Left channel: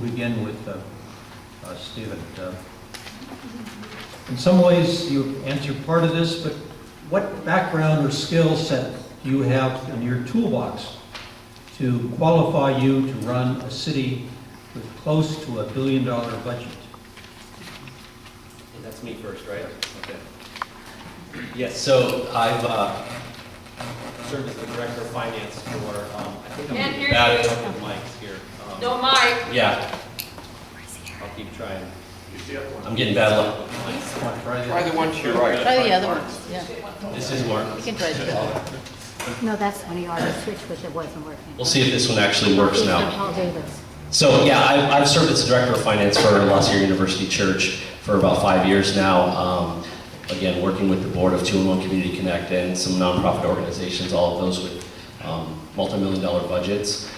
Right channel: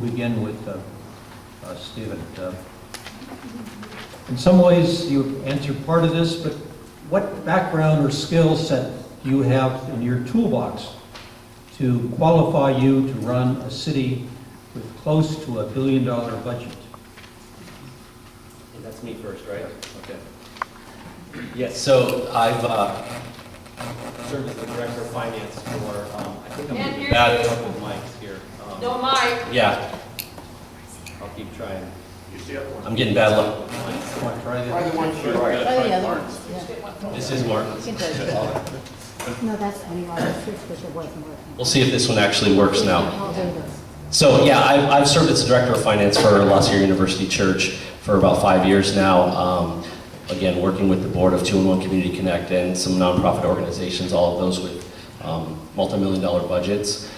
We'll begin with Stephen. In some ways, you answered part of this, but what background or skill set do you have in your toolbox to qualify you to run a city with close to $1 billion budget? And that's me first, right? Okay. Yes, so I've served as the director of finance for, I think I'm getting bad luck with mics here. No mic. Yeah. I'll keep trying. I'm getting bad luck with mics. Try the one to your right. Oh, yeah, the ones, yeah. This is more. You can try it. No, that's when you already switched because it wasn't working. We'll see if this one actually works now. I'll do this. So yeah, I've served as the director of finance for La Sierra University Church for about 5 years now. Again, working with the board of 2-in-1 Community Connect and some nonprofit organizations, all of those with multi-million-dollar budgets.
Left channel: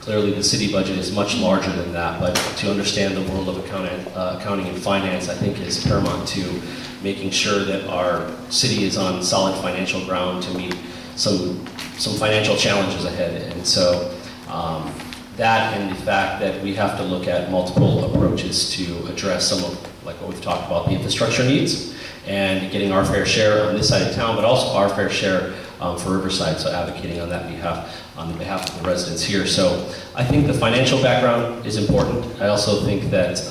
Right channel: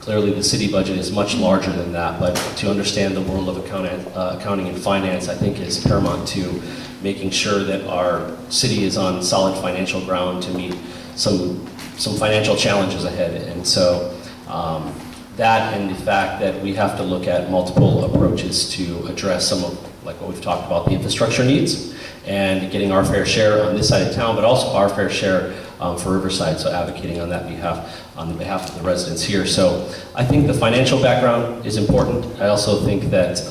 Clearly, the city budget is much larger than that, but to understand the world of accounting and finance, I think is paramount to making sure that our city is on solid financial ground to meet some financial challenges ahead. And so that and the fact that we have to look at multiple approaches to address some of, like what we've talked about, the infrastructure needs and getting our fair share on this side of town, but also our fair share for Riverside, so advocating on that behalf, on the behalf of the residents here. So I think the financial background is important. I also think that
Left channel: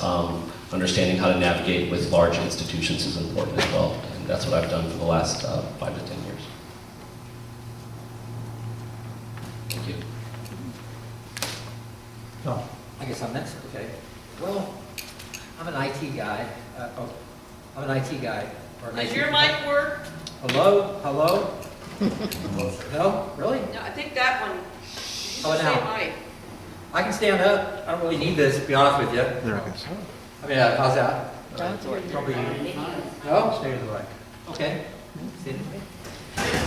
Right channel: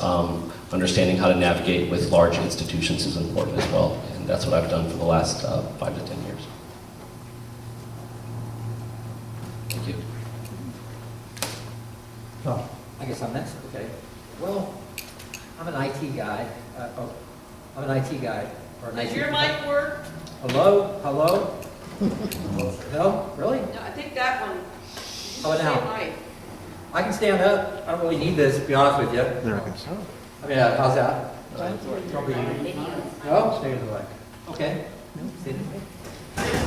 understanding how to navigate with large institutions is important as well, and that's what I've done for the last 5 to 10 years. Thank you. Oh, I guess I'm next, okay. Well, I'm an IT guy. I'm an IT guy. Or an Does IT your mic work? Hello? Hello? No? Really? No, I think that one. How about now? Mic. I can stand up. I don't really need this, to be honest with you. I mean, how's that? Probably. No? stay to the right. Okay.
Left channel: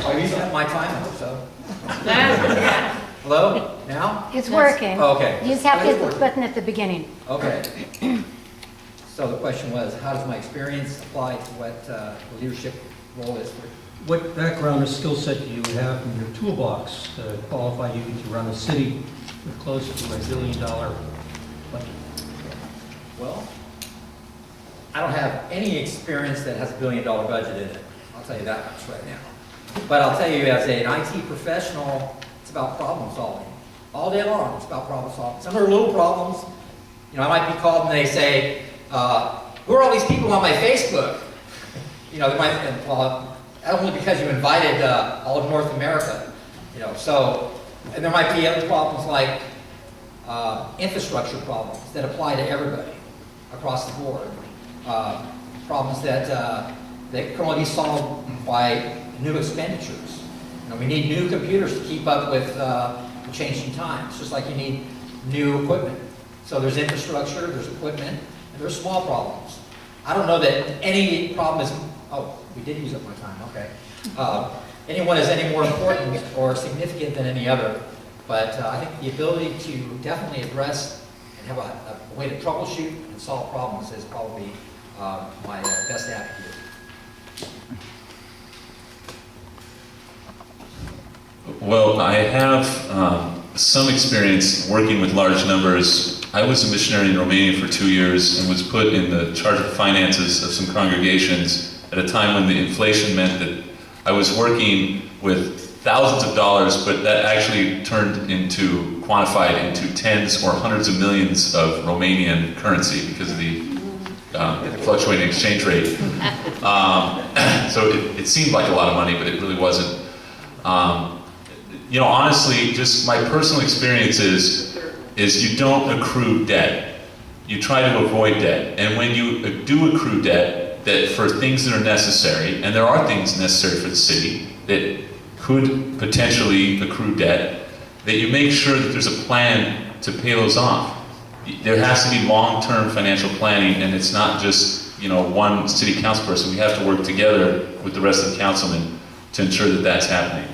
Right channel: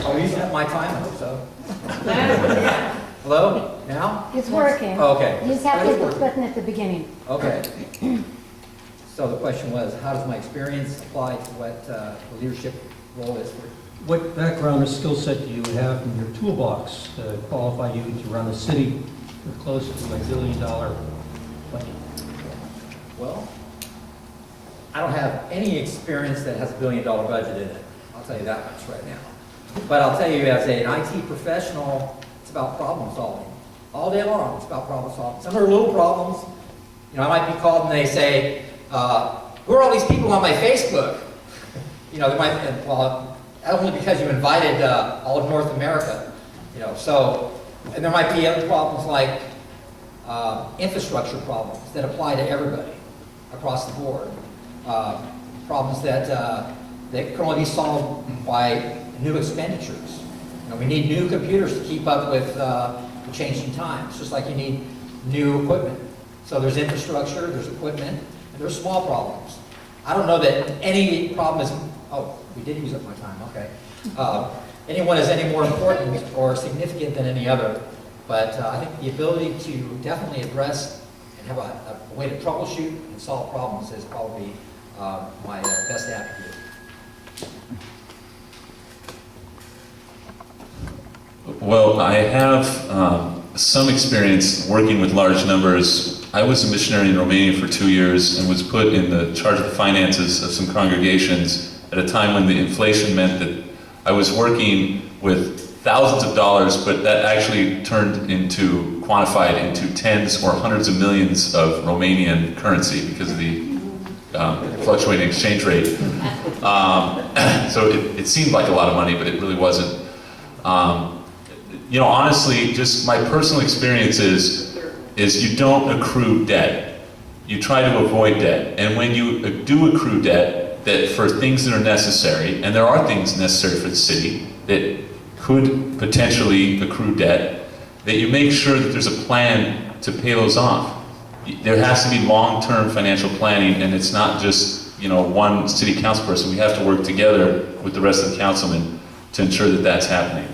Are you using up my time? I hope so. Yeah. Hello? Now? It's working. Oh, okay. You just have to hit the button at the beginning. Okay. So the question was, how does my experience apply to what the leadership role is for? What background or skill set do you have in your toolbox to qualify you to run a city with close to $1 billion budget? Well, I don't have any experience that has $1 billion budget in it. I'll tell you that much right now. But I'll tell you, as an IT professional, it's about problem solving. All day long, it's about problem solving. Some are little problems. You know, I might be called and they say, who are all these people on my Facebook? You know, they might, well, only because you invited all of North America. You know, so, and there might be other problems like infrastructure problems that apply to everybody across the board. Problems that can only be solved by new expenditures. You know, we need new computers to keep up with the changing times, just like you need new equipment. So there's infrastructure, there's equipment, and there's small problems. I don't know that any problem is, oh, we did use up my time, okay. Anyone is any more important or significant than any other, but I think the ability to definitely address and have a way to troubleshoot and solve problems is probably my best attribute. Well, I have some experience working with large numbers. I was a missionary in Romania for 2 years and was put in the charge of the finances of some congregations at a time when the inflation meant that I was working with thousands of dollars, but that actually turned into, quantified into tens or hundreds of millions of Romanian currency because of the fluctuating exchange rate. So it seemed like a lot of money, but it really wasn't. You know, honestly, just my personal experience is you don't accrue debt. You try to avoid debt. And when you do accrue debt, that for things that are necessary, and there are things necessary for the city that could potentially accrue debt, that you make sure that there's a plan to pay those off. There has to be long-term financial planning, and it's not just, you know, one city council person. We have to work together with the rest of the councilmen to ensure that that's happening.